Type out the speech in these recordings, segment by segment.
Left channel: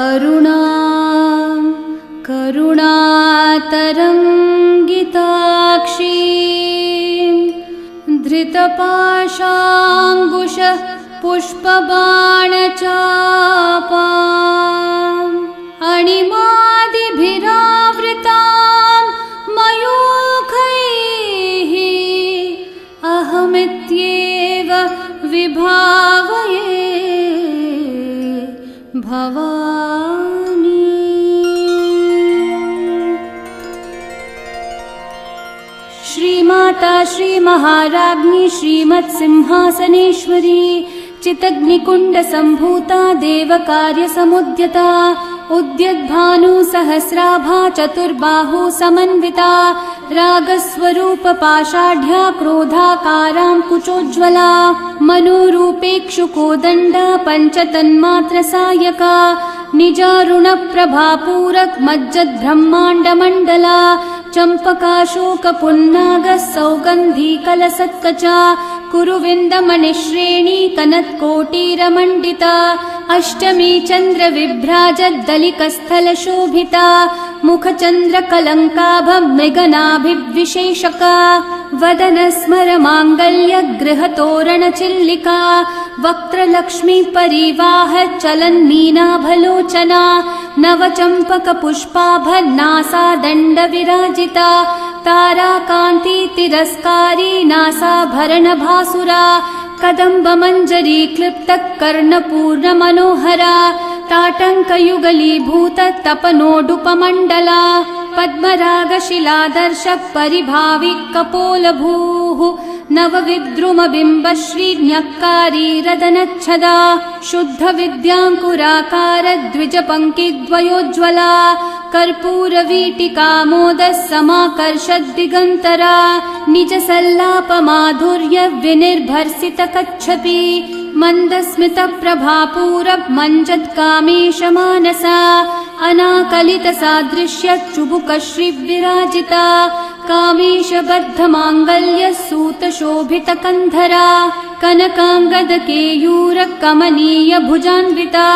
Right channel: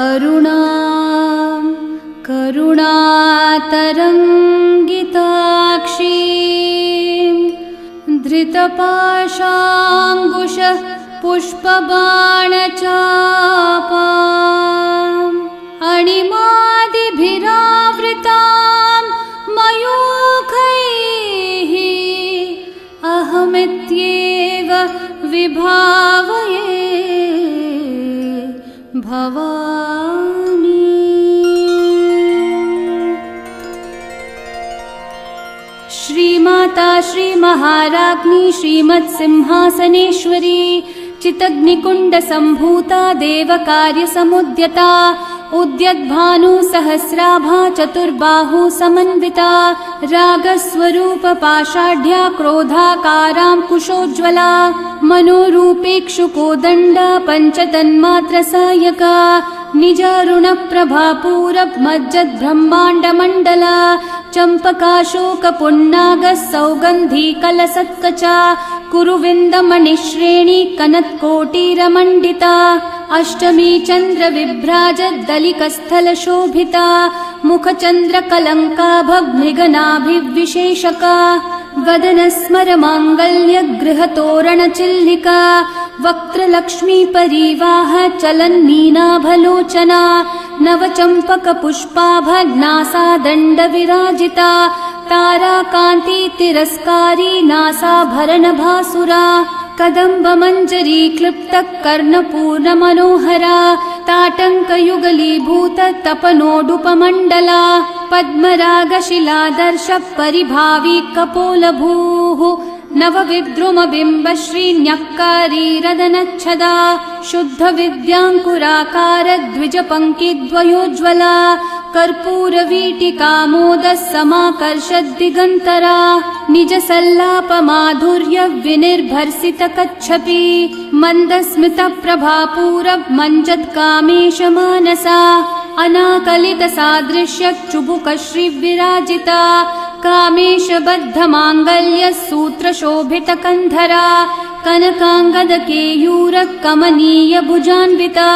अरुणां करुणातरङ्गिताक्षीं धृतपाशाङ्कुशः पुष्पबाणचापाम् अणिमादिभिरावृतां मयूखैः अहमित्येव विभावये भवानी। श्रीमाता श्रीमहाराज्ञी श्रीमत्सिंहासनेश्वरी चितग्निकुण्डसम्भूता देवकार्यसमुद्यता उद्यद्भानु सहस्राभा चतुर्बाहु समन्विता रागस्वरूपपाषाढ्या क्रोधाकाराङ्कुशोज्ज्वला मनोरूपेक्षुकोदण्डा पञ्चतन्मात्रसायका निजारुणप्रभापूरकमज्जद्ब्रह्माण्डमण्डला चम्पकाशोकपुन्नागः सौगन्धीकलसत्कचा कुरुविन्दमणिश्रेणी कनत्कोटीरमण्डिता अष्टमी चन्द्रविभ्राजद्दलिकस्थलशोभिता मुखचन्द्रकलङ्काभमृगनाभिविशेषका वदनस्मरमाङ्गल्यगृहतोरणचिल्लिका वक्त्रलक्ष्मीपरिवाह चलन्मीनाभलोचना नवचम्पकपुष्पाभनासादण्डविराजिता ताराकान्तितिरस्कारी नासाभरणभासुरा कदम्बमञ्जरी क्लृप्तः कर्णपूर्णमनोहरा ताटङ्कयुगलीभूततपनोडुपमण्डला पद्मरागशिलादर्श परिभावी कपोलभूः नवविद्रुमबिम्बश्रीन्यक्कारी रदनच्छदा शुद्धविद्याङ्कुराकार द्विजपङ्क्तिद्वयोज्ज्वला कर्पूरवीटिकामोदः समाकर्षद्दिगन्तरा निजसल्लापमाधुर्य विनिर्भर्सितकच्छपि मन्दस्मितप्रभापूरमञ्जत्कामेशमानसा अनाकलितसादृश्य चुबुकश्रीविराजिता कामेशबद्धमाङ्गल्यः सूत्रशोभितकन्धरा कनकाङ्गदकेयूरकमनीय भुजान्विता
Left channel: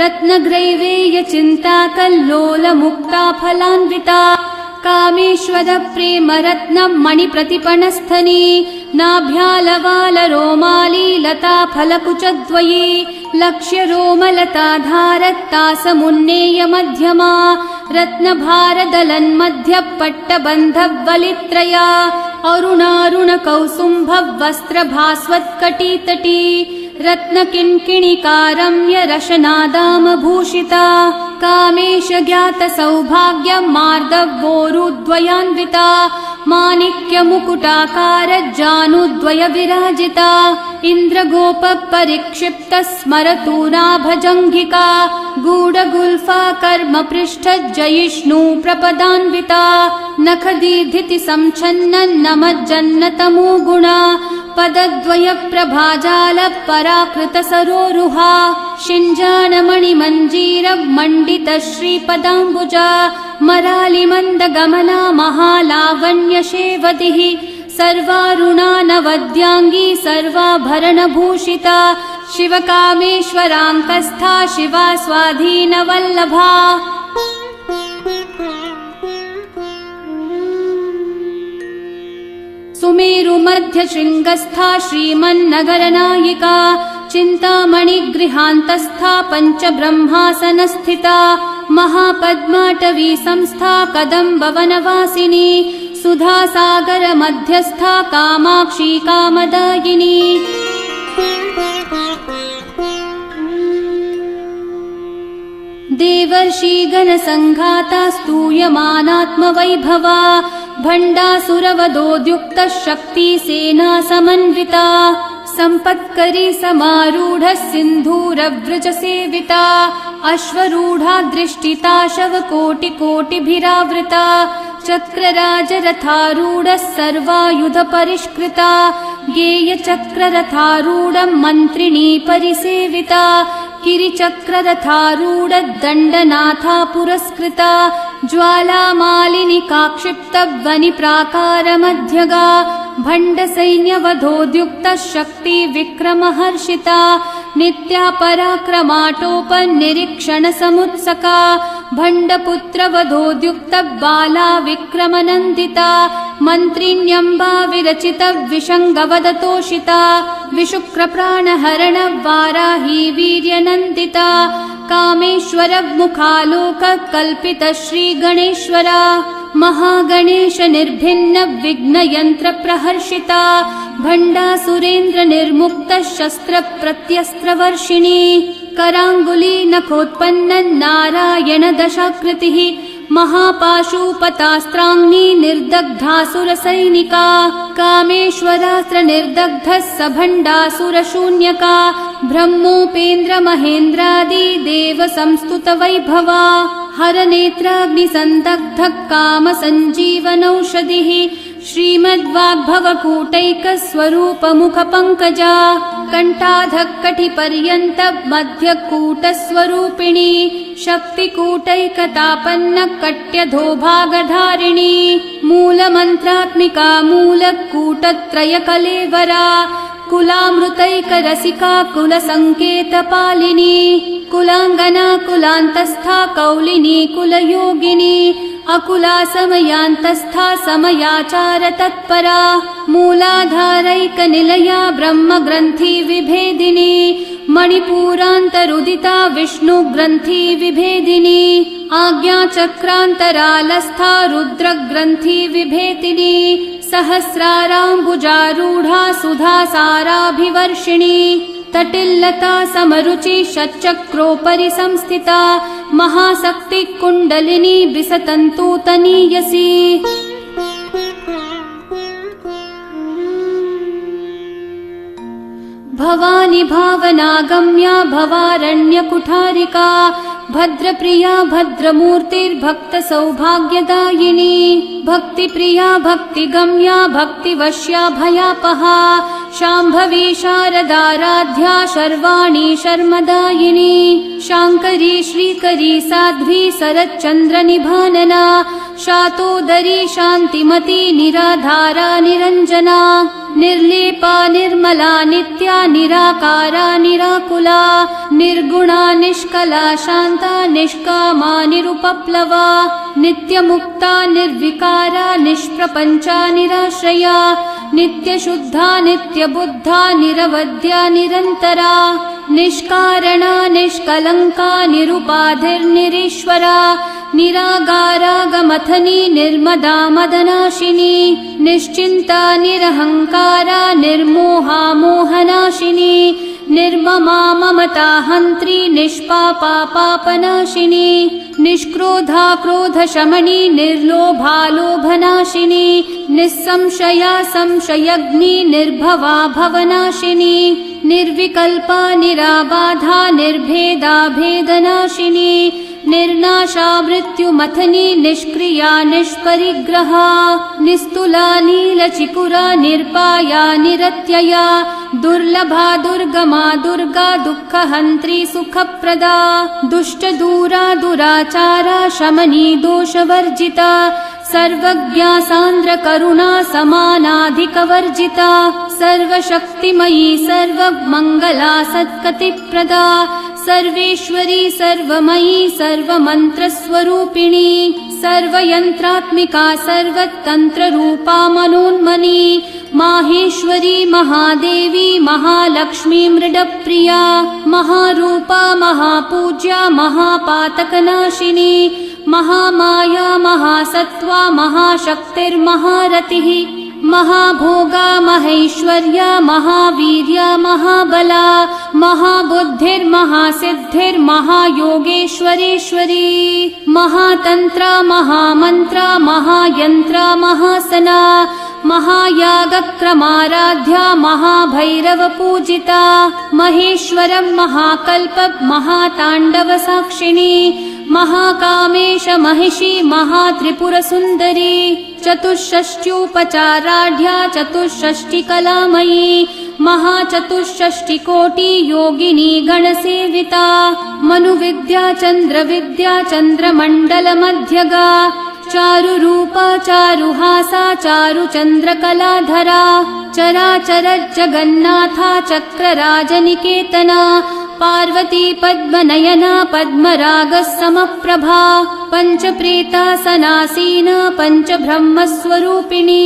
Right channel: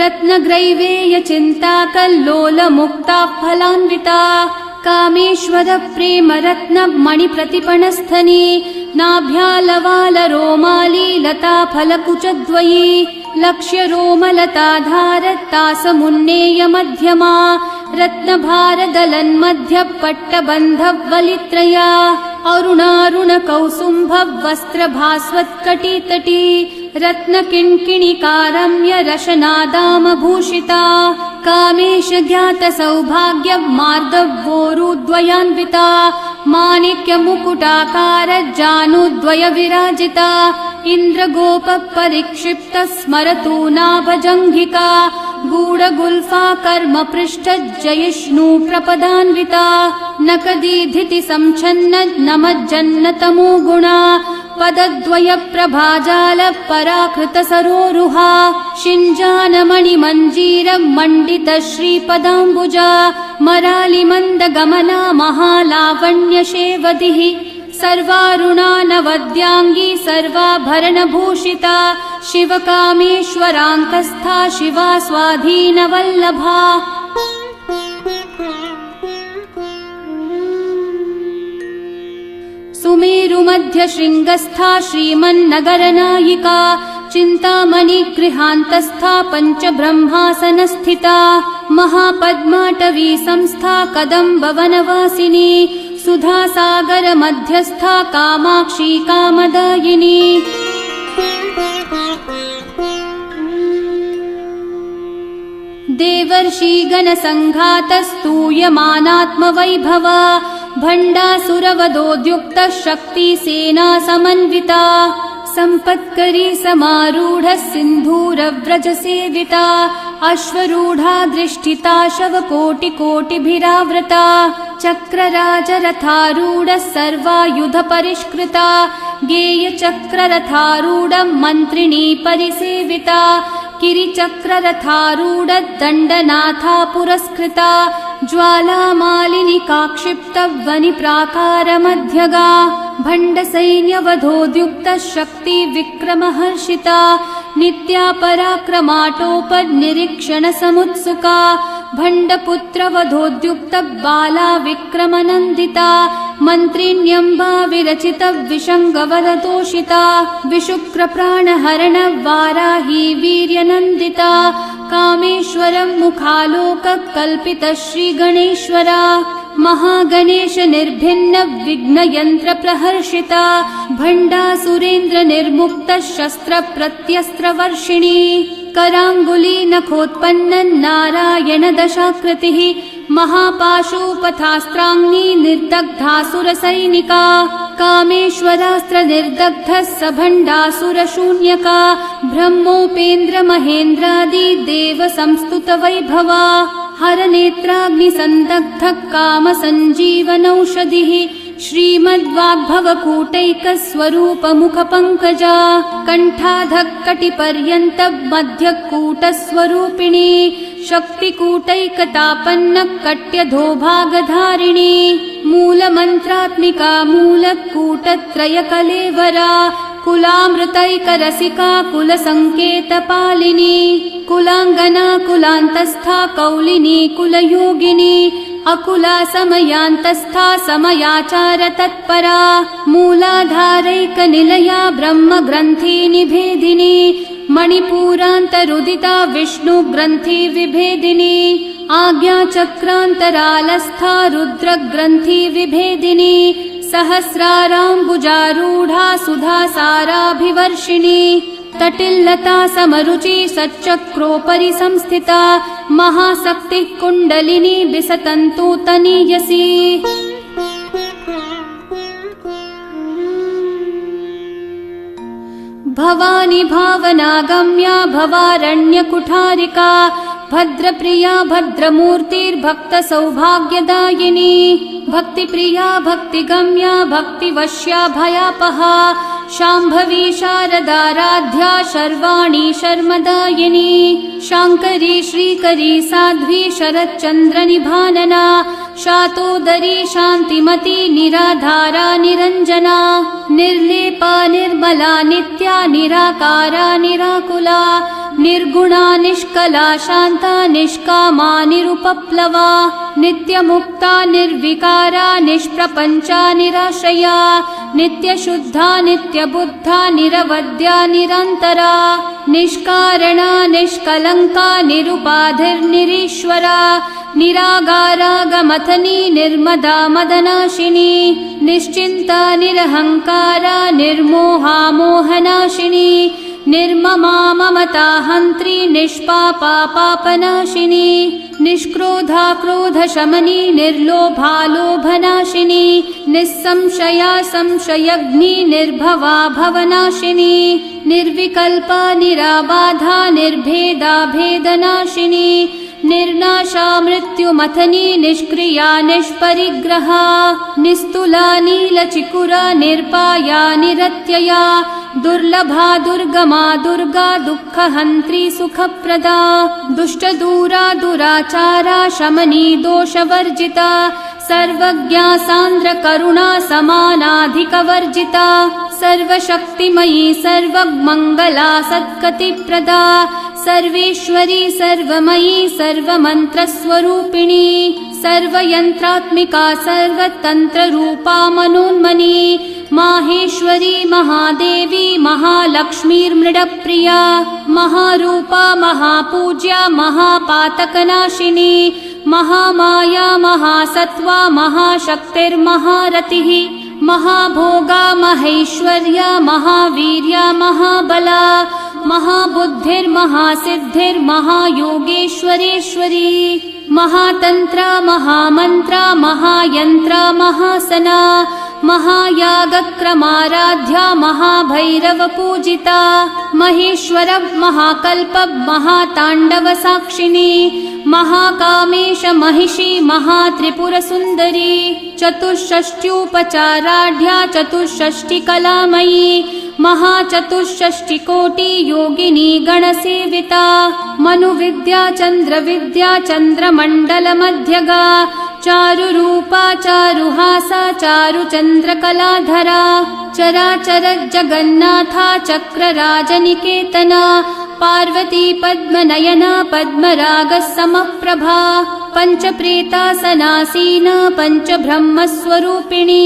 रत्नग्रैवेयचिन्ताकल्लोलमुक्ता फलान्विता कामेश्वरप्रेमरत्नमणिप्रतिपणस्थनी नाभ्यालवालरोमाली लता फलकुचद्वयी लक्ष्यरोमलताधारत्तासमुन्नेय मध्यमा रत्नभारदलन्मध्यपट्टबन्धवलित्रया अरुणारुणकौसुम्भवस्त्रभास्वत्कटितटी रत्नकिङ्किणिकारम्य रशनादामभूषिता कामेशज्ञातसौभाग्यमार्दवोरुद्वयान्विता माणिक्यमुकुटाकार जानुद्वय विराजिता इन्द्रगोपपरिक्षिप्त स्मरतूनाभजङ्घिका गूढगुल्फा कर्मपृष्ठजयिष्णु प्रपदान्विता नखदीधिति संच्छन्न नमज्जन्नतमो गुणा पदद्वय प्रभाजाल पराकृत सरोरुहा शिञ्जानमणिमञ्जीर मण्डित श्रीपदाम्बुजा मरालिमन्दगमना महालावण्यशेवतिः सर्वारुणा नवद्याङ्गी सर्वाभरणभूषिता शिवकामेश्वराङ्कस्था शिवा स्वाधीनवल्लभा सुमेरुमध्यशृङ्गस्था श्रीमन्नगरनायिका चिन्तामणिगृहान्तस्था पञ्चब्रह्मासनस्थिता महापद्माटवी संस्था कदम्बवनवासिनी सुधासागरमध्यस्था कामाक्षी कामदायिनी देवर्षिगणसङ्घातः स्तूयमानात्मवैभवा भण्डासुरवधोद्युक्तः शक्तिसेना समन्विता सम्पत्करी समारूढः सिन्धूरव्रज सेविता अश्वरूढा दृष्टिता शवकोटिकोटिभिरावृता चक्रराजरथारूढः सर्वायुध परिष्कृता गेयचक्ररथारूढं मन्त्रिणी परिसेविता किरिचक्ररथारूढदण्डनाथा पुरस्कृता ज्वालामालिनिकाक्षिप्तवनिप्राकारमध्यगा भण्डसैन्यवधोद्युक्तः शक्ति विक्रमहर्षिता नित्या पराक्रमाटोपनिरीक्षणसमुत्सका भण्डपुत्रवधोद्युक्तः बाला विक्रमनन्दिता मन्त्रिण्यम्बा विरचित विशङ्गवदतोषिता विशुक्रप्राणहरण वाराही वीर्यनन्दिता कामेश्वर मुखालोक कल्पित श्रीगणेश्वरा महागणेश निर्भिन्न विघ्नयन्त्र प्रहर्षिता भण्डासुरेन्द्र निर्मुक्त शस्त्र प्रत्यस्त्रवर्षिणी कराङ्गुली नखोत्पन्न नारायण दशाकृतिः महापाशुपतास्त्राग्नि निर्दग्धासुरसैनिका कामेश्वरास्त्र निर्दग्धः स भण्डासुरशून्यका ब्रह्मोपेन्द्र महेन्द्रादि देव संस्तुत वैभवा हरनेत्राग्निसन्दग्धः काम सञ्जीवनौषधिः श्रीमद्वाग्भवकूटैकस्वरूपमुखपङ्कजा कण्ठाधक्कटिपर्यन्त मध्यकूटस्वरूपिणी शक्तिकूटैकतापन्न कट्यधोभागधारिणी मूलमन्त्रात्मिका मूलकूटत्रयकलेवरा कुलामृतैकरसिका कुलसङ्केतपालिनी कुलाङ्गना कुलान्तस्था कौलिनी कुलयोगिनी अकुला समयान्तस्था समयाचार तत्परा मूलाधारैकनिलया ब्रह्मग्रन्थि विभेदिनी मणिपूरान्तरुदिता विष्णुग्रन्थि विभेदिनी आज्ञाचक्रान्तरालस्था रुद्रग्रन्थि विभेदिनी सहस्राराम्बुजारूढा सुधासाराभिवर्षिणी तटिल्लता समरुचि षट्चक्रोपरि संस्थिता महाशक्ति कुण्डलिनी विसतन्तूतनीयसी भवानी भावनागम्या भवारण्यकुठारिका भद्रप्रिया भद्रमूर्तिर्भक्तसौभाग्यदायिनी भक्तिप्रिया भक्तिगम्या भक्तिवश्या भयापहा शाम्भवी शारदाराध्या शर्वाणी शर्मदायिनी शाङ्करी श्रीकरी साध्वी शरच्चन्द्रनिभानना शातोदरी शान्तिमती निराधारा निरञ्जना निर्लेपा निर्मला नित्या निराकारा निराकुला निर्गुणा निष्कला शान्ता निष्कामा निरुपप्लवा नित्यमुक्ता निर्विकारा निष्प्रपञ्चा निराश्रया नित्यशुद्धा नित्यबुद्धा निरवद्या निरन्तरा निष्कारणा निष्कलङ्का निरुपाधिर्निरीश्वरा निरागारागमथनी निर्मदा मदनाशिनी निश्चिन्ता निरहङ्कारा निर्मोहा मोहनाशिनी निर्ममा ममता हन्त्री निष्पापा पापनाशिनी निष्क्रोधा क्रोधशमनी निर्लोभा लोभनाशिनी निस्संशया संशयग्नि निर्भवा भवनाशिनी निर्विकल्पा निराबाधा निर्भेदा भेदनाशिनी निर्नाशा मृत्युमथनी निष्क्रिया निष्परिग्रहा निस्तुला नीलचिकुरा निर्पाया निरत्यया दुर्लभा दुर्गमा दुर्गा दुःखहन्त्री सुखप्रदा दुष्टदूरा दुराचारा शमनी दोषवर्जिता सर्वज्ञा सान्द्र करुणा समानाधिकवर्जिता सर्वशक्तिमयी सर्वमङ्गला सद्गतिप्रदा सर्वेश्वरी सर्वमयी सर्वमन्त्रस्वरूपिणी सर्वयन्त्रात्मिका सर्वतन्त्ररूपा मनोन्मनी माहेश्वरी महादेवी महालक्ष्मी मृडप्रिया महारूपा महापूज्या महापातकनाशिनी महामाया महासत्त्वा महाशक्तिर्महारतिः महाभोगा महेश्वर्या महावीर्या महाबला महाबुद्धिर्महासिद्धिर्महायोगेश्वरेश्वरी महातन्त्रा महामन्त्रा महायन्त्रा महासना महायागक्रमाराध्या महाभैरवी भैरव पूजिता महेश्वरं महाकल्प महाताण्डव साक्षिणी महाकामेश महिषी महात्रिपुर सुन्दरी चतुष्षष्ट्युपचाराढ्या चतुष्षष्टिकलामयी महाचतुष्षष्टिकोटि योगिनी गणसेविता मनुविद्या चन्द्रविद्या चन्द्रमण्डल मध्यगा चारुरूपा चारुहासा चारुचन्द्रकलाधरा चराचर जगन्नाथा चक्रराजनिकेतना पार्वती पद्मनयना पद्मराग समप्रभा पञ्चप्रेतासनासीना पञ्चब्रह्मस्वरूपिणी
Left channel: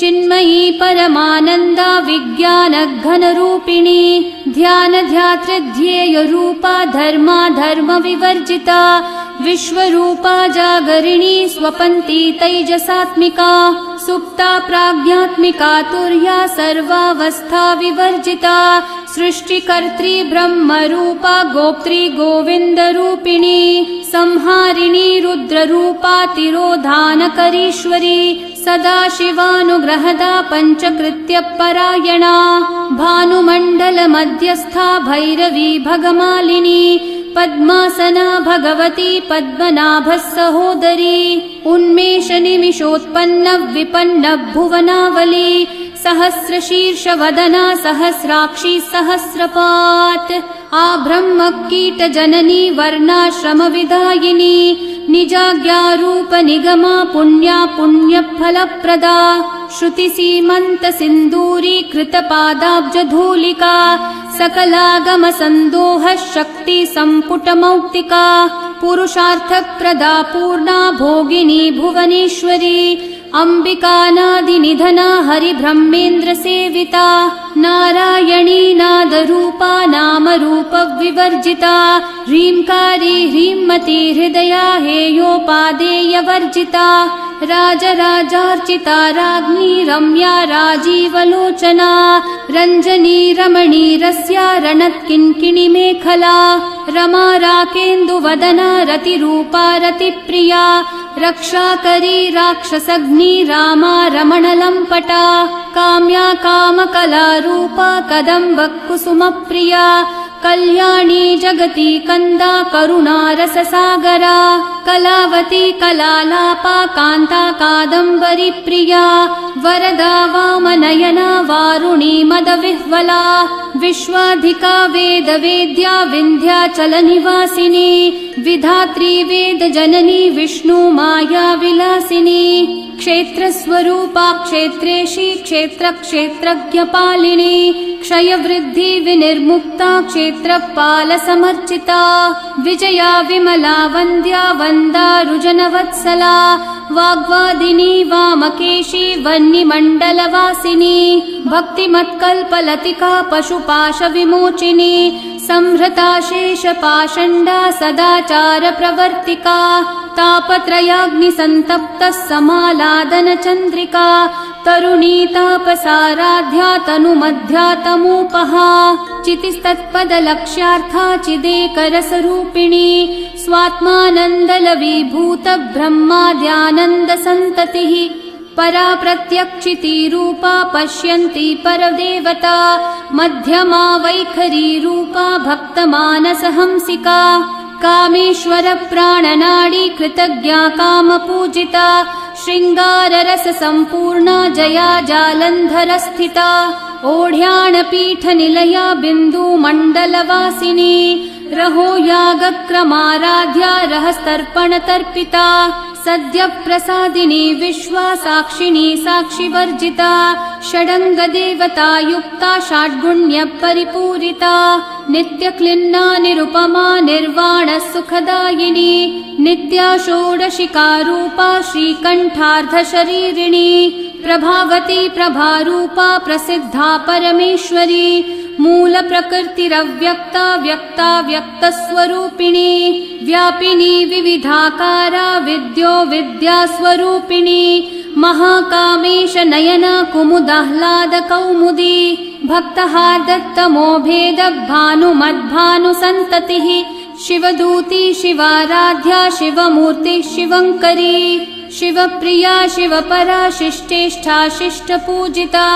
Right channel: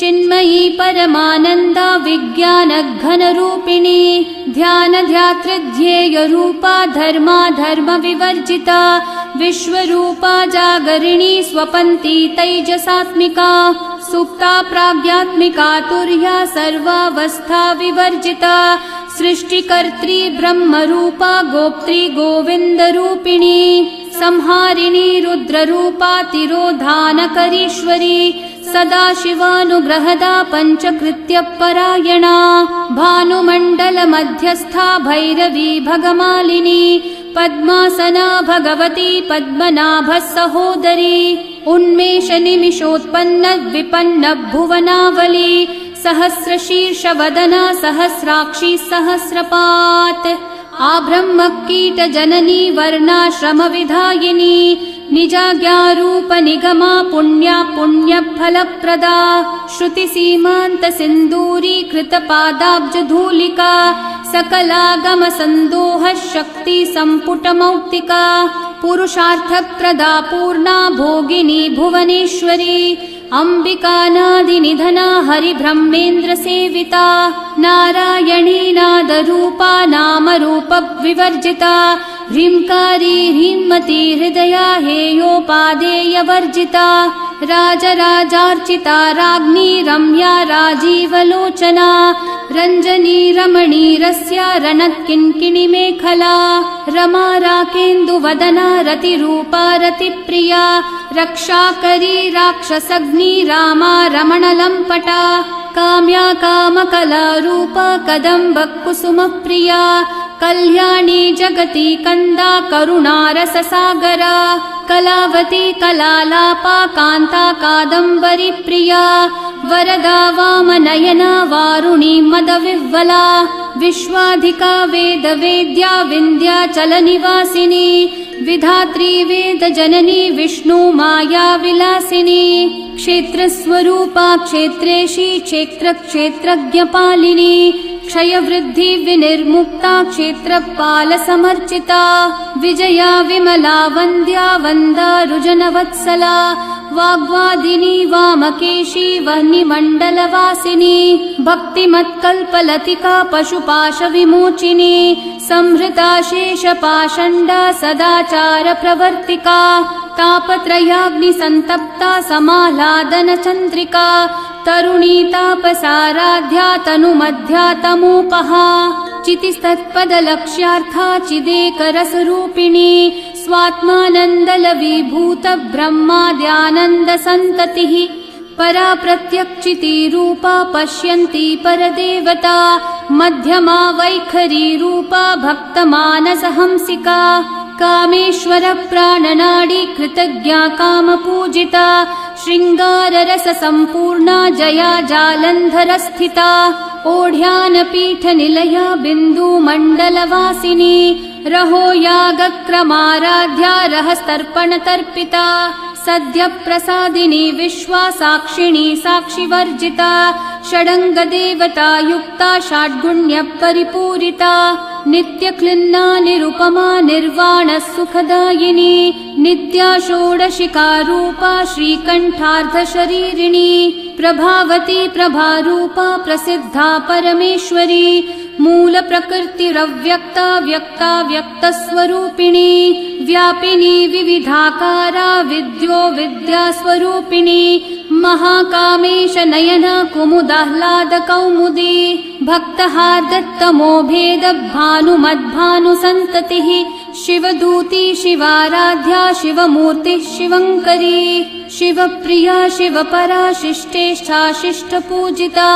चिन्मयी परमानन्दा विज्ञानघनरूपिणी ध्यानध्यातृध्येयरूपा धर्मा धर्म विवर्जिता विश्वरूपा जागरिणी स्वपन्ती तैजसात्मिका सुप्ता प्राज्ञात्मिका तुर्या सर्वावस्था विवर्जिता सृष्टिकर्त्री ब्रह्मरूपा गोप्त्री गोविन्दरूपिणी संहारिणी रुद्ररूपा तिरोधानकरीश्वरी सदाशिवानुग्रहदा पञ्चकृत्य परायणा भानुमण्डल मध्यस्था भैरवी भगमालिनी पद्मासना भगवती पद्मनाभ सहोदरी उन्मेष निमिषोत्पन्न विपन्न भुवनावली सहस्रशीर्ष वदना सहस्राक्षी सहस्रपात् आब्रह्म कीट जननी वर्णाश्रम विधायिनी निजाज्ञारूप निगमा पुण्या पुण्यफलप्रदा श्रुति सीमान्त सिन्दूरी कृत पादाब्ज धूलिका सकलागम संदोह शक्ति संपुट मौक्तिका पुरुषार्थप्रदा पूर्णा भोगिनी भुवनेश्वरी अम्बिकानाधिनिधना हरिब्रह्मेन्द्र सेविता नारायणी नादरूपा नामरूप विवर्जिता ह्रींकारी ह्रीमती हृदया हेयोपादेयवर्जिता राजराजार्चिता राज्ञी रम्या राजीवलोचना रञ्जनी रमणी रस्या रणकिङ्किणी मेखला रमा राकेन्दुवदना रतिरूपा रतिप्रिया रक्षाकरी राक्षसग्नी रामा रमणलम्पटा काम्या कामकलारूपा कदम्ब कुसुमप्रिया कल्याणी जगती कन्दा करुणारससागरा कलावती कलालापा कान्ता कादम्बरी प्रिया वरदा वामनयना वारुणी मदविह्वला विश्वाधिका वेदवेद्या विन्ध्याचलनिवासिनी विधात्री वेदजननी विष्णु माया विलासिनी क्षेत्रस्वरूपा क्षेत्रेशी क्षेत्रक्षेत्रज्ञपालिनी क्षयवृद्धि विनिर्मुक्ता क्षेत्रपालसमर्चिता विजया विमला वन्द्या वन्दारुजनवत्सला वाग्वादिनी वामकेशी वह्निमण्डलवासिनी भक्तिमत्कल्पलतिका पशुपाश विमोचिनी संहृता शेषपाषण्डा सदाचार प्रवर्तिका तापत्रयाग्निसन्तप्ता समालादन चन्द्रिका तरुणी तापसाराध्या तनुमध्या तमोपहा चितिस्तत्पदलक्ष्यार्था चिदेकरसरूपिणी स्वात्मानन्दलवीभूत ब्रह्माद्यानन्द सन्ततिः परा प्रत्यक्षिती रूपा पश्यन्ती परदेवता मध्यमा वैखरी रूपा भक्तमानसहंसिका कामेश्वर प्राणनाडी कृतज्ञा कामपूजिता शृङ्गाररस सम्पूर्णा जया जालन्धर स्थिता ओढ्यानपीठ निलया बिन्दुमण्डलवासिनी रहो यागक्रमाराध्या रहस्तर्पण तर्पिता सद्य प्रसादिनी विश्वासाक्षिणी साक्षिवर्जिता षडङ्ग देवता युक्ता षड्गुण्य परिपूरिता नित्यक्लिन्ना निरुपमा निर्वाण सुखदायिनी नित्या षोडशिका रूपा श्रीकण्ठार्ध शरीरिणी प्रभावती प्रभारूपा प्रसिद्धा परमेश्वरी मूल प्रकृतिरव्यक्ता व्यक्ता व्यक्तस्वरूपिणी व्यापिनी विविधाकारा विद्यो विद्यास्वरूपिणी महाकामेश नयना कुमुदाह्लाद कौमुदी भक्तः दत्तमोभेद भानुमद्भानु सन्ततिः शिवदूती शिवाराध्या शिवमूर्ति शिवङ्करी शिवप्रिया शिवपरा शिष्टेष्ठा शिष्टपूजिता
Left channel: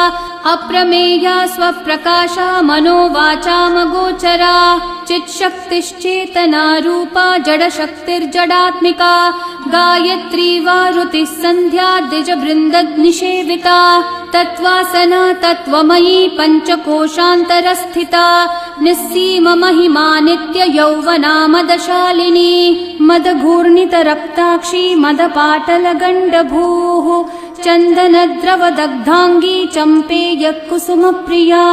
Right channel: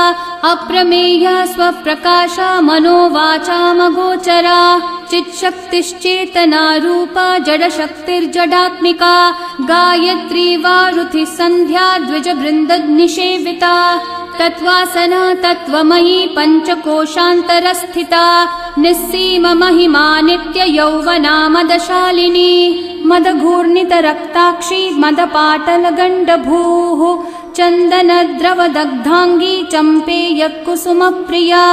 अप्रमेया स्वप्रकाशा मनोवाचामगोचरा चित्शक्तिश्चेतना रूपा जडशक्तिर्जडात्मिका गायत्री वारुतिः सन्ध्या द्विजवृन्दनिषेविता तत्त्वासना तत्त्वमयी पञ्चकोशान्तरस्थिता निस्सीम महिमा नित्य यौवना मदशालिनी मदघूर्णितरक्ताक्षी मदपाटलगण्डभूः चन्दनद्रवदग्धाङ्गी चम्पेय कुसुमप्रिया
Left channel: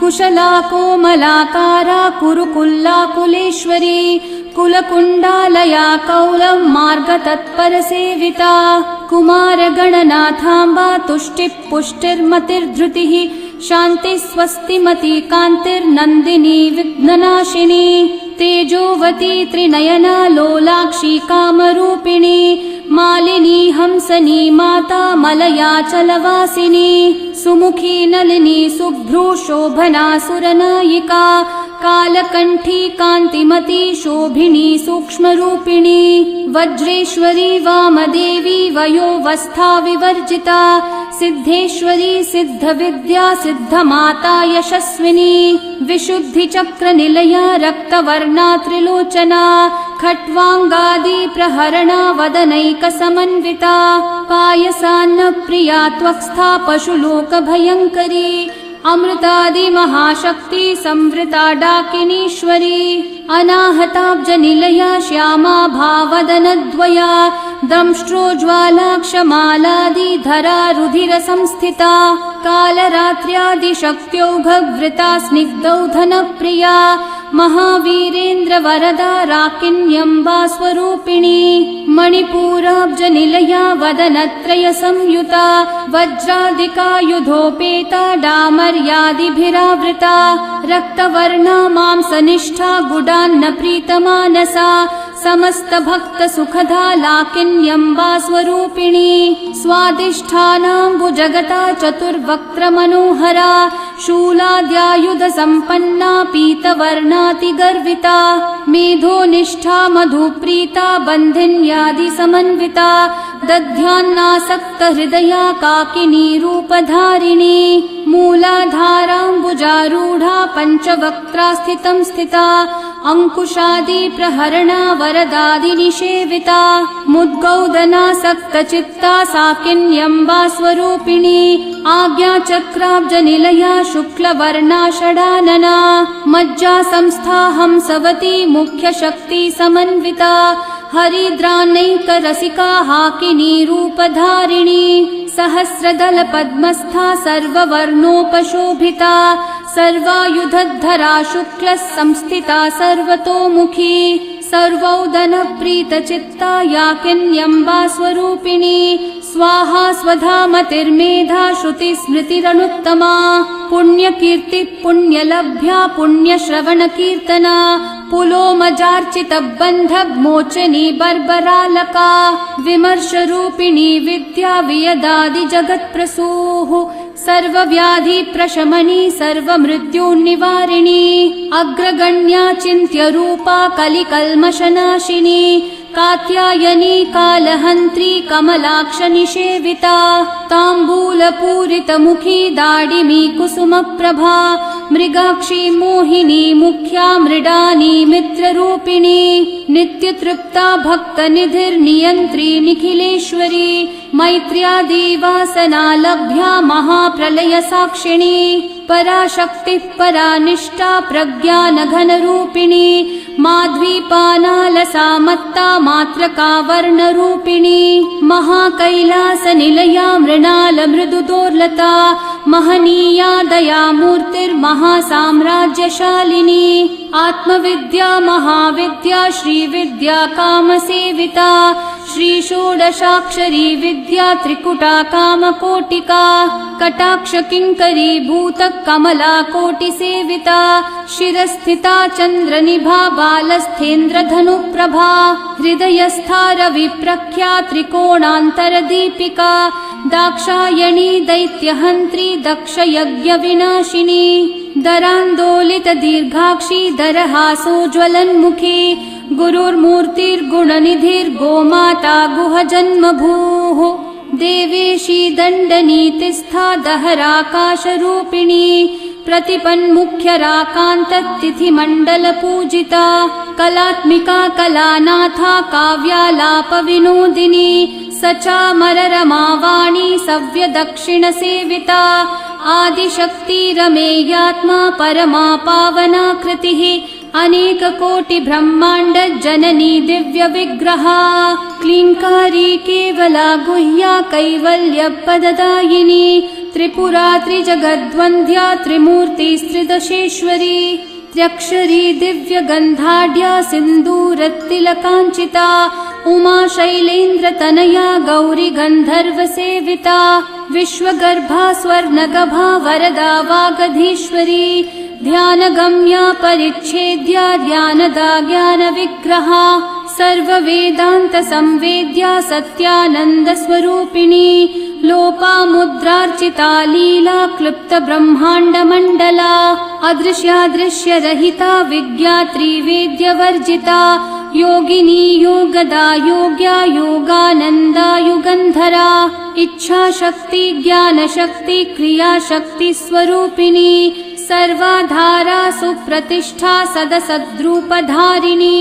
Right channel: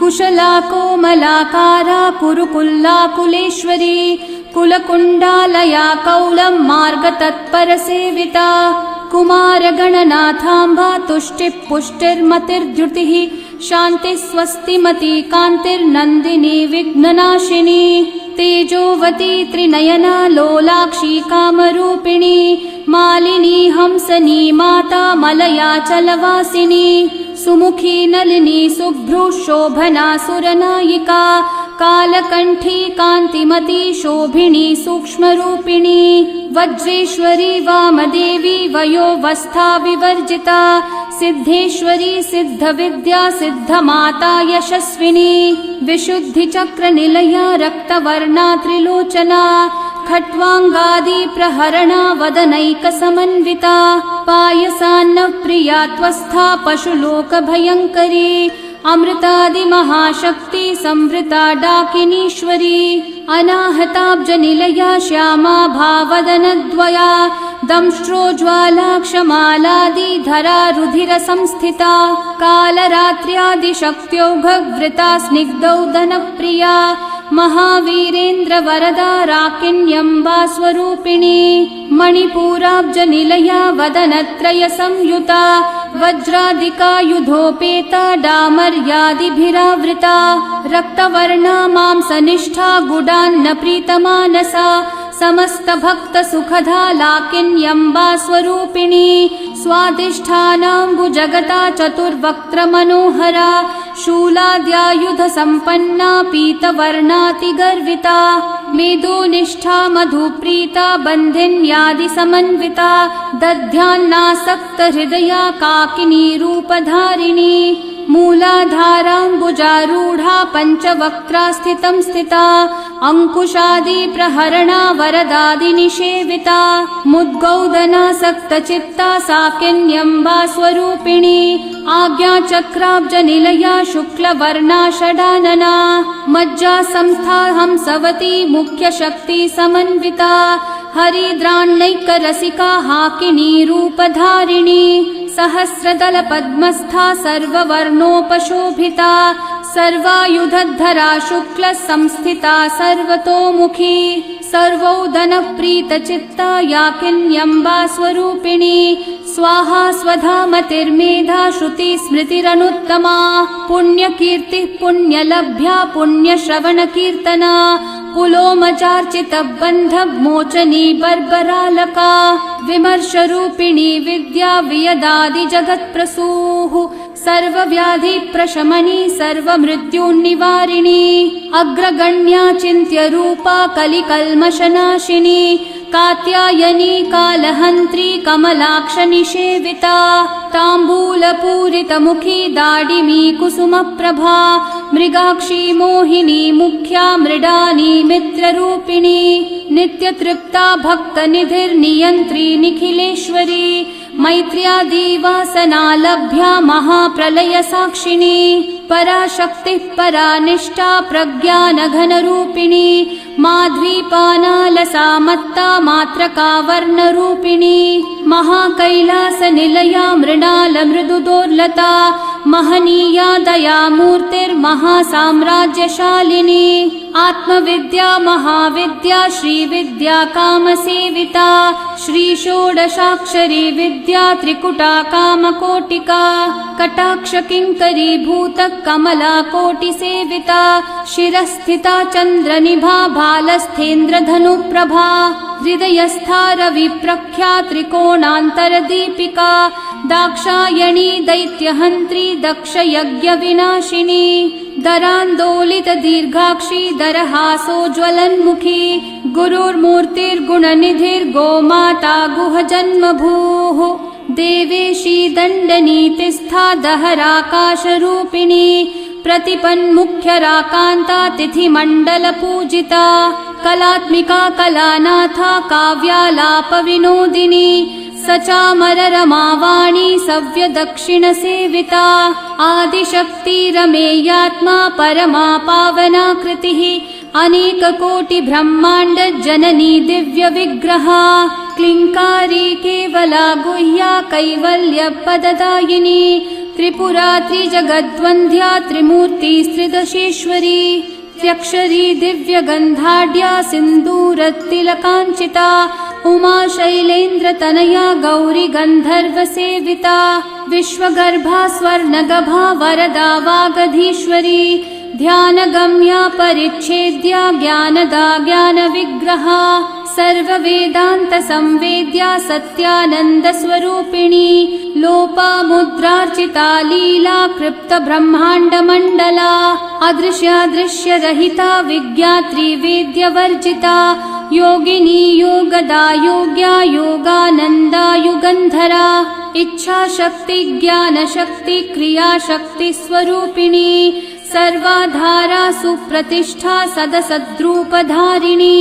कुशला कोमलाकारा कुरुकुल्लाकुलेश्वरी कुलकुण्डालया कौलमार्गतत्परसेविता कुमारगणनाथाम्बा तुष्टिः पुष्टिर्मतिर्धृतिः शान्तिः स्वस्तिमती कान्तिर्नन्दिनी विघ्ननाशिनी तेजोवती त्रिनयना लोलाक्षी कामरूपिणी मालिनी हंसनी माता मलया चलवासिनी सुमुखी नलिनी शुभ्रू शोभना सुरनायिका कालकण्ठी कान्तिमती शोभिनी सूक्ष्मरूपिणी वज्रेश्वरी वामदेवी वयोवस्था विवर्जिता सिद्धेश्वरी सिद्धविद्या सिद्धमाता यशस्विनी विशुद्धिचक्रनिलया रक्तवर्णा त्रिलोचना खट्वाङ्गादि प्रहरणा वदनैकसमन्विता पायसान्नप्रिया त्वस्था पशुलोकभयङ्करी अमृतादिमहाशक्ति संवृता डाकिनीश्वरी अनाहताब्जनिलया श्यामा भावदनद्वया दंष्ट्रोज्ज्वालाक्षमालादिधरा रुधिरसंस्थिता कालरात्र्यादिशक्त्योघवृता स्निग्धौधनप्रिया महावीरेन्द्रवरदा राकिन्यम्बा स्वरूपिणी मणिपूराब्जनिलया वदनत्रयसंयुता वज्रादिकायुधोपेता डामर्यादिभिरावृता रक्तवर्णा मांसनिष्ठा गुडान्न प्रीतमानसा समस्त भक्त सुखदा लाकिन्यम्बा स्वरूपिणी स्वादिष्ठानाम्बुजगता चतुर्वक्त्र मनोहरा शूलाद्यायुध संपन्ना पीतवर्णातिगर्विता मेधोनिष्ठा मधुप्रीता बन्धिन्यादि समन्विता दध्यान्नासक्त हृदया काकिनी रूपधारिणी मूलाधाराम्बुजारूढा पञ्चवक्त्रा स्थितं स्थिता अंकुशादि प्रहरणा वरदादिनिषेविता मुद्गौदनासक्तचित्ता साकिन्यम्बा स्वरूपिणी आज्ञाचक्राब्जनिलया शुक्लवर्णा षडानना मज्जा संस्था हंसवती मुख्यशक्ति समन्विता हरिद्राण्यैकरसिका हाकिनी रूपधारिणी सहस्रदल पद्मस्था सर्ववर्णोपशोभिता सर्वायुधधरा शुक्ल संस्थिता सर्वतोमुखी सर्वौदनप्रीतचित्ता याकिन्यम्बा स्वरूपिणी स्वाहा स्वधामतिर्मेधा श्रुति स्मृतिरनुत्तमा पुण्यकीर्ति पुण्यलभ्या पुण्यश्रवणकीर्तना पुलोमजार्चितबन्धमोचनी बर्बरालका विमर्शरूपिणी विद्या वियदादि जगत्प्रसूः सर्वव्याधि प्रशमनी सर्वमृत्युनिवारिणी अग्रगण्या चिन्त्य रूपा कलिकल्मषनाशिनी कात्यायनी कालहन्त्री कमलाक्ष निषेविता ताम्बूलपूरितमुखी दाडिमी कुसुमप्रभा मृगाक्षी मोहिनी मुख्या मृडानी मित्ररूपिणी नित्यतृप्ता भक्तनिधिर्नियन्त्री निखिलेश्वरी मैत्र्यादिवासना लभ्या महाप्रलय साक्षिणी पराशक्तिः परानिष्ठा प्रज्ञानघनरूपिणी माध्वीपानालसा मत्ता मात्रका वर्णरूपिणी महाकैलासनिलया मृणाल मृदुदोर्लता महनीया दयामूर्तिर्महासाम्राज्यशालिनी आत्मविद्या महाविद्या श्रीविद्या कामसेविता श्रीषोडशाक्षरी विद्या त्रिकुटा कामकोटिका कटाक्ष किङ्करी भूत कमला कोटिसेविता शिरस्थिता चन्द्रनिभा बालस्थेन्द्रधनुप्रभा हृदयस्था रविप्रख्या त्रिकोणान्तरदीपिका दाक्षायणी दैत्यहन्त्री दक्षयज्ञविनाशिनी दरान्दोलित दीर्घाक्षी दरहासोज्ज्वलन्मुखी गुरुर्मूर्तिर्गुणनिधिर्गोमाता गुहजन्मभूः देवेशी दण्डनीतिस्था दहराकाशरूपिणी प्रतिपन्मुख्यराकान्ता तिथिमण्डलपूजिता कलात्मिका कलानाथा काव्यालापविनोदिनी सचामररमावाणी सव्यदक्षिणसेविता आदिशक्तिरमेयात्मा परमा पावना कृतिः अनेककोटिब्रह्माण्ड जननी दिव्यविग्रहा क्लीङ्कारी केवला गुह्या कैवल्यपददायिनी त्रिपुरा त्रिजगद्वन्द्या त्रिमूर्तिस्त्रिदशेश्वरी त्र्यक्षरी दिव्यगन्धाढ्या सिन्दूरतिलकाञ्चिता उमा शैलेन्द्रतनया गौरी गन्धर्वसेविता विश्वगर्भा स्वर्णगभा वरदा वागधीश्वरी ध्यानगम्या परिच्छेद्या ज्ञानदा ज्ञानविग्रहा सर्ववेदान्तसंवेद्या सत्यानन्दस्वरूपिणी लोपामुद्रार्चिता लीला क्लृप्तब्रह्माण्डमण्डला अदृश्यादृश्यरहिता विज्ञात्री वेद्यवर्जिता योगिनी योगदा योग्या योगानन्दा युगन्धरा इच्छाशक्ति ज्ञानशक्ति क्रियाशक्ति स्वरूपिणी सर्वाधारा सुप्रतिष्ठा सदसद्रूपधारिणी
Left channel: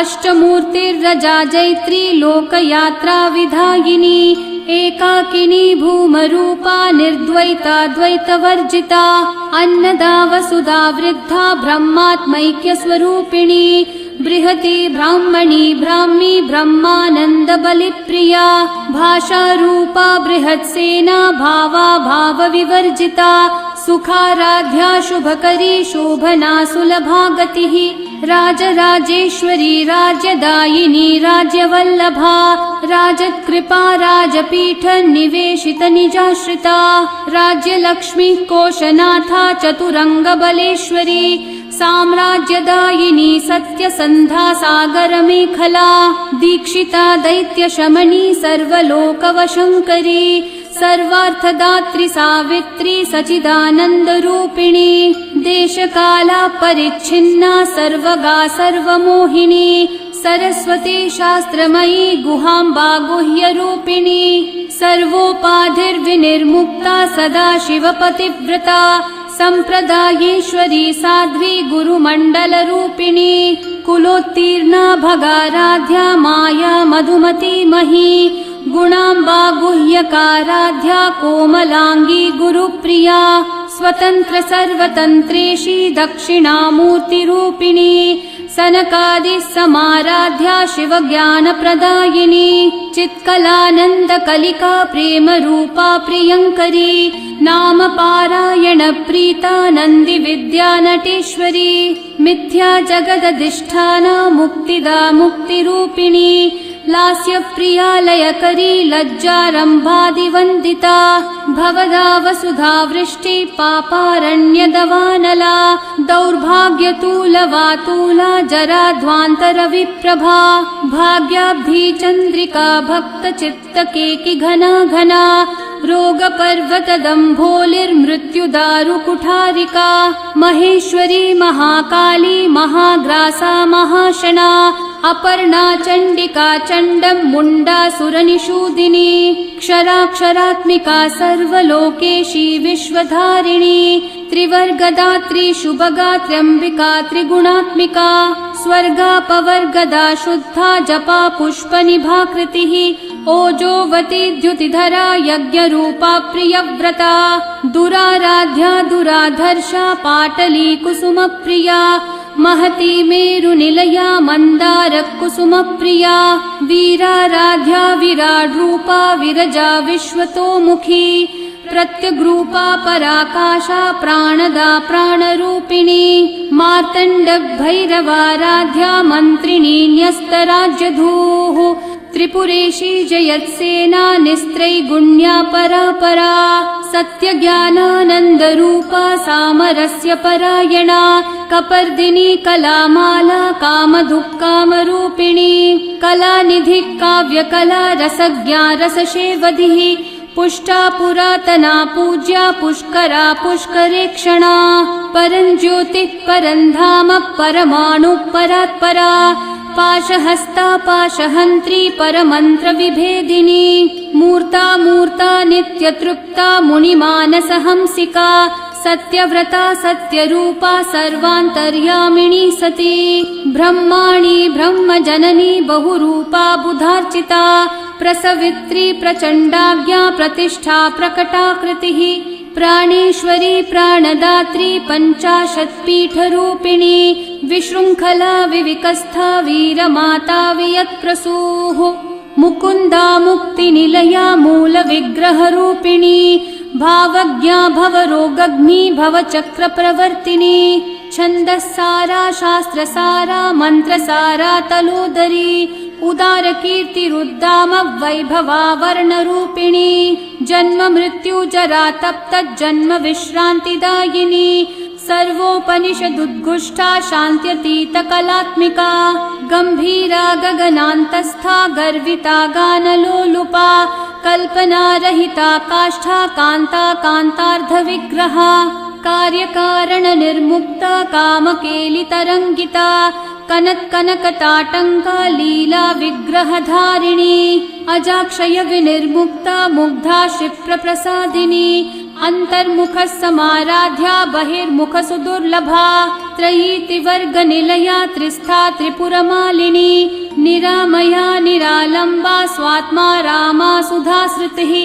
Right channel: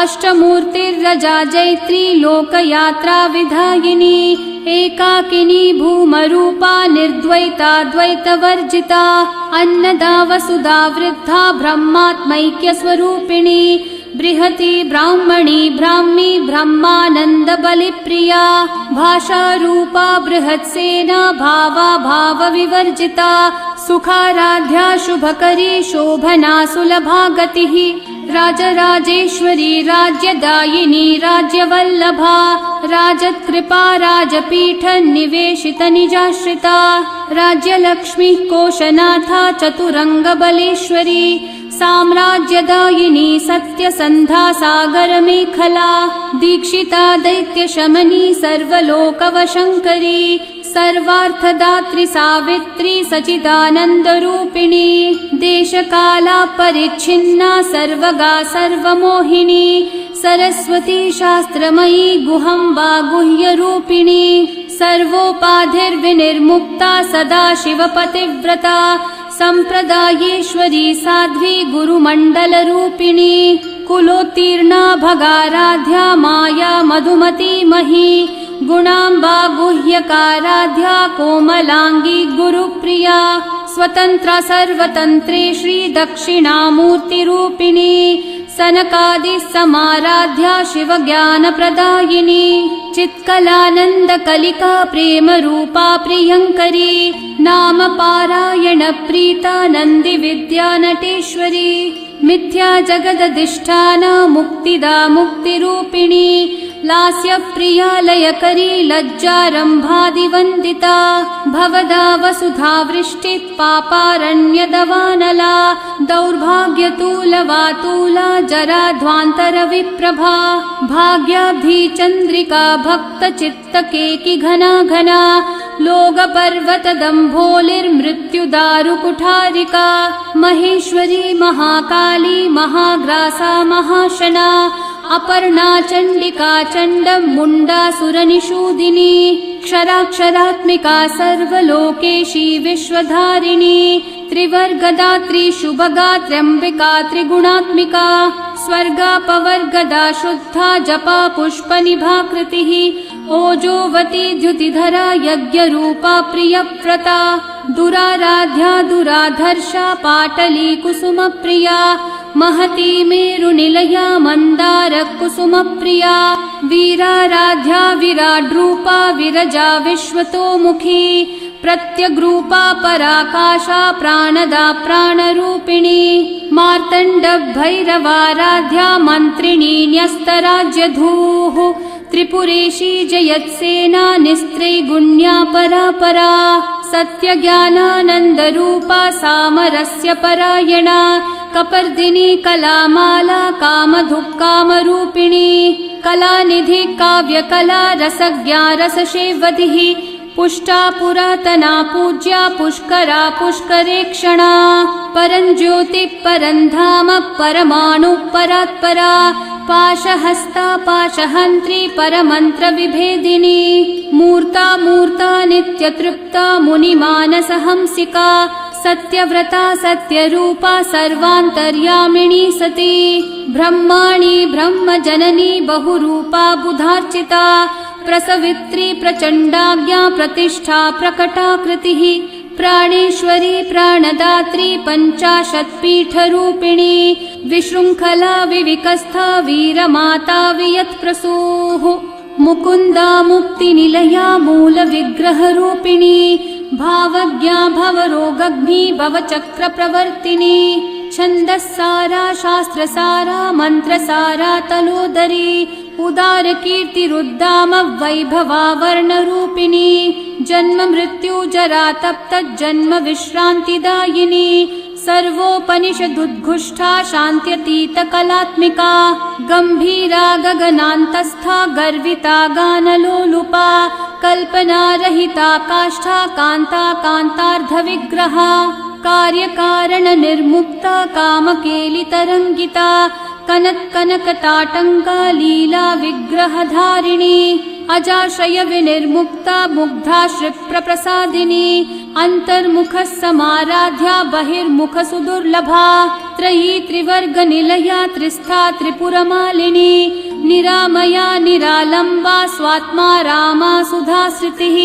अष्टमूर्तिर्रजा जैत्री लोकयात्रा विधायिनी एकाकिनी भूमरूपा निर्द्वैताद्वैतवर्जिता अन्नदा वसुधा वृद्धा ब्रह्मात्मैक्यस्वरूपिणी बृहती ब्राह्मणी ब्राह्मी ब्रह्मानन्दबलिप्रिया भाषारूपा बृहत्सेना भावा भावविवर्जिता सुखाराध्या शुभकरी शोभना सुलभा गतिः राजराजेश्वरी राज्यदायिनी राज्यवल्लभा राजत्कृपा राजपीठ निवेशित निजाश्रिता राज्यलक्ष्मी कोशनाथा चतुरङ्गबलेश्वरी साम्राज्यदायिनी सत्यसन्धा सागरमेखला दीक्षिता दैत्यशमनी सर्वलोकवशङ्करी सर्वार्थदात्री सावित्री सचिदानन्दरूपिणी देशकाला परिच्छिन्ना सर्वगा सर्वमोहिनी सरस्वती शास्त्रमयी गुहाम्बा गुह्यरूपिणी सर्वोपाधिर्विनिर्मुक्ता सदाशिवपतिव्रता सम्प्रदायेश्वरी साध्वी गुरुमण्डलरूपिणी कुलोत्तीर्णा भगाराध्या माया मधुमती मही गुणाम्बा गुह्यकाराध्या कोमलांगी गुरुप्रिया स्वतन्त्र सर्वतन्त्री श्री दक्षिणामूर्तिरूपिणी सनकादि समाराध्या शिवज्ञानप्रदायिनी चित्कलानन्द कलिका प्रेम रूपा प्रियङ्करी नाम पारायण प्रीता नन्दी विद्या नटेश्वरी मिथ्या जगदधिष्ठाना मुक्तिदा मुक्तिरूपिणी लास्य प्रिया लयकरी लज्जारम्भादिवन्दिता भवदा वसुधा वृष्टि पापारण्यदवानला दौर्भाग्यतूलवातूला जराध्वान्तर विप्रभा भाग्याब्धी चन्द्रिका भक्त चित्तकेकि घना घना लोकपर्वतदम्भोलिर्मृत्युदारुकुठारिका महेश्वरी महाकाली महाग्रासा महाशना अपर्णा चण्डिका चण्डमुण्डा सुरनिषूदिनी क्षराक्षरात्मिका सर्वलोकेशी विश्वधारिणी त्रिवर्गदात्री शुभगात्र्यम्बिका त्रिगुणात्मिका स्वर्गापवर्गदा शुद्धा जपा पुष्पनिभाकृतिः ओजोवती द्युतिधरा यज्ञरूपा प्रियव्रता दुराराध्या दुराधर्षा पाटली कुसुमप्रिया महती मेरुनिलया मन्दार कुसुमप्रिया वीराराध्या विराड्रूपा विरजा विश्वतोमुखी प्रत्यग्रूपा पराकाशा प्राणदा प्राणरूपिणी मार्तण्ड भैरवाराध्या मन्त्रिणी न्यस्तराज्यधूः त्रिपुरेशी जयत्सेना निस्त्रैगुण्या परापरा सत्यज्ञानानन्दरूपा सामरस्य परायणा कपर्दिनी कलामाला कामधुक्कामरूपिणी कलानिधि काव्यकला रसज्ञा रसशेवधिः पुष्टा पुरातना पूज्या पुष्करा पुष्करेक्षणा परं ज्योतिः परं धाम परमाणुः परात्परा पाशहस्ता पाशहन्त्री परमन्त्र विभेदिनी मूर्ता मूर्ता नित्यतृप्ता मुनिमानसहंसिका सत्यव्रता सत्यरूपा सर्वान्तर्यामिणी सती ब्रह्माणी ब्रह्मजननी बहुरूपा बुधार्चिता प्रसवित्री प्रचण्डाज्ञा प्रतिष्ठा प्रकटाकृतिः प्राणेश्वरी प्राणदात्री पञ्चाशत्पीठरूपिणी विशृङ्खला विविकस्था वीरमाता वियत्प्रसूः मुकुन्दा मुक्तिनिलया मूलविग्रहरूपिणी भावज्ञा भवरोगग्नी भवचक्रप्रवर्तिनी छन्दस्सारा शास्त्रसारा मन्त्रसारा तनोदरी उदारकीर्तिरुद्दाम वैभवा वर्णरूपिणी जन्म मृत्यु जरा तप्तज्जन्म विश्रान्तिदायिनी सर्वोपनिषदुद्घुष्टा शान्त्यतीतकलात्मिका गम्भीरा गगनान्तस्था गर्विता गानलोलुपा कल्पनारहिता काष्ठा कान्ता कान्तार्धविग्रहा कार्यकारणनिर्मुक्ता कामकेलितरङ्गिता कनकनकताटङ्का लीला विग्रहधारिणी अजाक्षय विनिर्मुक्ता मुग्धा क्षिप्रप्रसादिनी अन्तर्मुखः समाराध्या बहिर्मुख सुदुर्लभा त्रयी त्रिवर्गनिलया त्रिस्था त्रिपुरमालिनी निरामया निरालम्बा स्वात्मा रामा सुधाश्रुतिः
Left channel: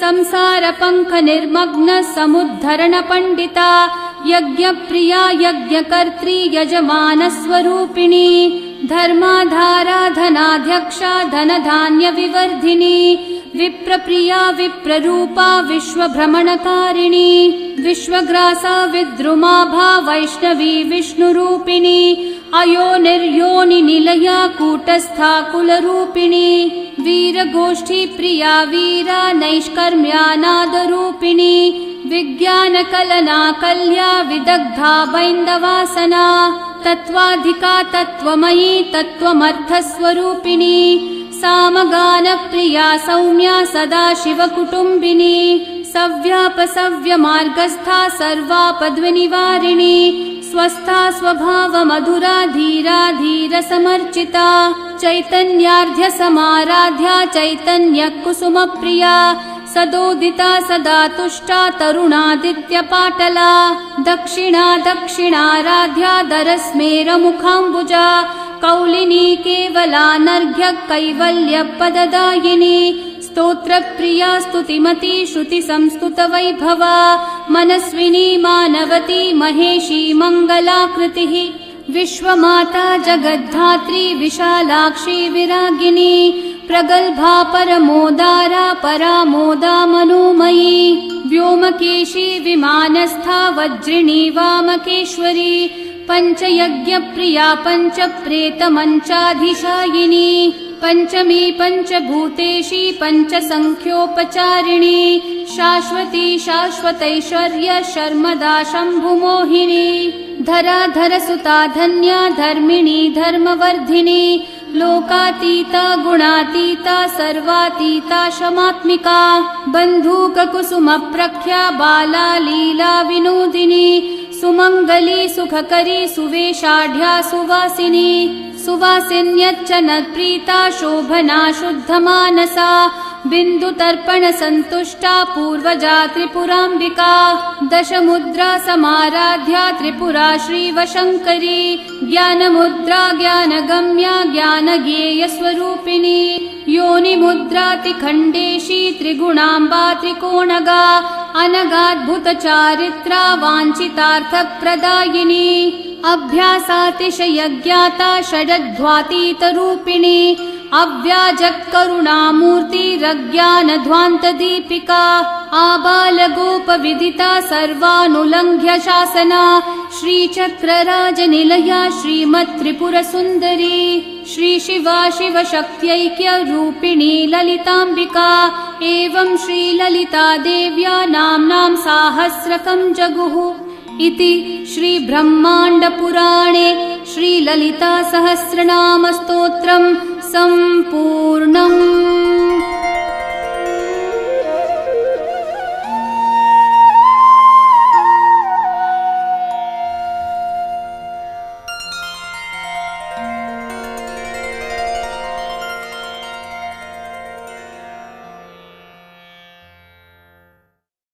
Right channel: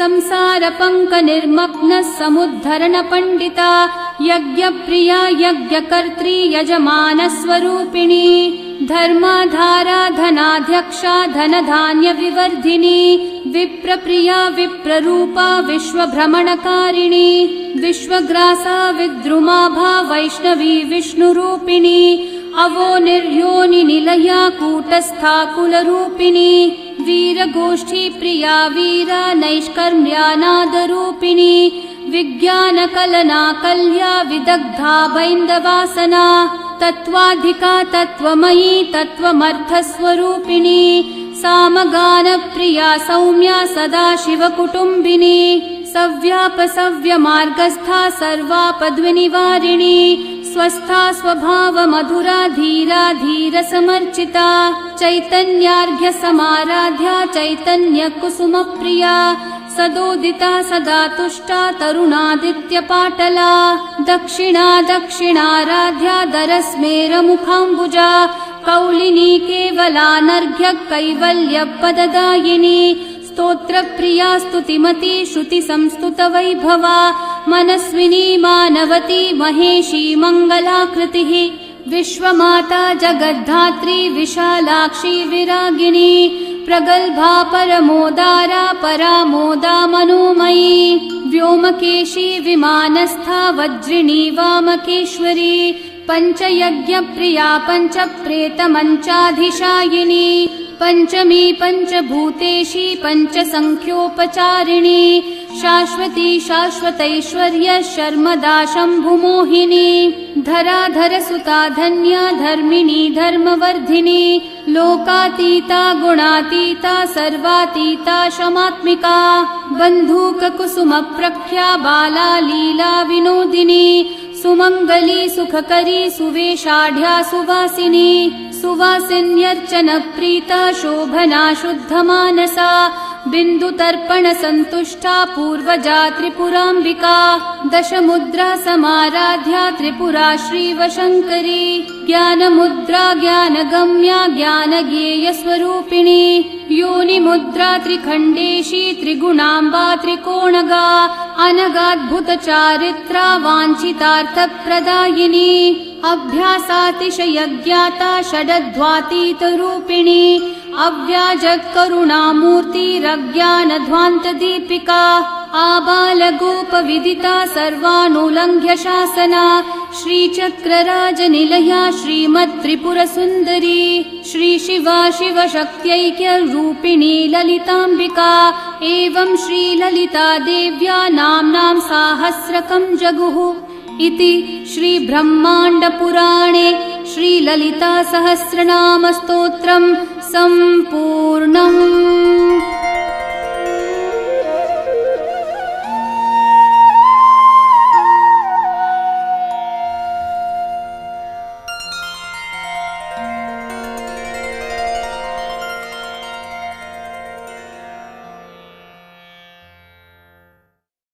संसारपङ्क निर्मग्न समुद्धरण पण्डिता यज्ञप्रिया यज्ञकर्त्री यजमानस्वरूपिणी धर्माधारा धनाध्यक्षा धनधान्य विवर्धिनी विप्रप्रिया विप्ररूपा विश्वभ्रमणकारिणी विश्वग्रासा विद्रुमाभा वैष्णवी विष्णुरूपिणी अयोनिर्योनि निलया कूटस्था कुलरूपिणी वीरगोष्ठी प्रिया वीरा नैष्कर्म्यानादरूपिणी विज्ञानकलना कल्या विदग्धा वैन्दवासना तत्त्वाधिका तत्त्वमयी तत्त्वमर्थस्वरूपिणी सामगानप्रिया सौम्या सदाशिवकुटुम्बिनी सव्यापसव्यमार्गस्था सर्वापद्विनिवारिणी स्वस्था स्वभावमधुरा धीरा धीरसमर्चिता चैतन्यार्ध्य समाराध्या चैतन्यकुसुमप्रिया सदोदिता सदा तुष्टा तरुणादित्यपाटला दक्षिणा दक्षिणाराध्या दरस्मेरमुखाम्बुजा कौलिनी केवलानर्घ्य कैवल्यपददायिनी स्तोत्रप्रिया स्तुतिमती श्रुतिसंस्तुतवैभवा मनस्विनी मानवती महेशी मङ्गलाकृतिः विश्वमाता जगद्धात्री विशालाक्षी विरागिनी प्रगल्भा परमोदारा परामोदा मनोमयी व्योमकेशी विमानस्था वज्रिणी वामकेश्वरी पञ्चयज्ञप्रिया पञ्चप्रेतमञ्चाधिशायिनी पञ्चमी पञ्चभूतेशी पञ्चसङ्ख्योपचारिणी शाश्वती शाश्वतैश्वर्य शर्मदा शम्भुमोहिनी धराधरसुता धन्या धर्मिणी धर्मवर्धिनी लोकातीता गुणातीता सर्वातीता शमात्मिका बन्धूककुसुमप्रख्या बाला लीला विनोदिनी सुमङ्गली सुखकरी सुवेशाढ्या सुवासिनी सुवासिन्यर्चनप्रीता शोभना शुद्धमानसा बिन्दुतर्पण सन्तुष्टा पूर्वजा त्रिपुराम्बिका दशमुद्रा समाराध्या त्रिपुरा श्रीवशङ्करी ज्ञानमुद्रा ज्ञानगम्या ज्ञानगेयस्वरूपिणी योनिमुद्रातिखण्डेशी त्रिगुणाम्बा त्रिकोणगा अनगाद्भुतचारित्रा वाञ्छितार्थप्रदायिनी अभ्यासातिशयज्ञाता षडध्वातीतरूपिणी अव्याजकरुणामूर्तिरज्ञानध्वान्तदीपिका आबालगोपविदिता सर्वानुलङ्घ्य शासना श्रीचक्रराजनिलया श्रीमत्त्रिपुरसुन्दरी श्रीशिवा शिवशक्त्यैक्यरूपिणी ललिताम्बिका एवं श्रीललिता देव्या नाम्नां साहस्रकं जगुः इति श्रीब्रह्माण्डपुराणे श्रीललितासहस्रनामस्तोत्रं सम्पूर्णम्।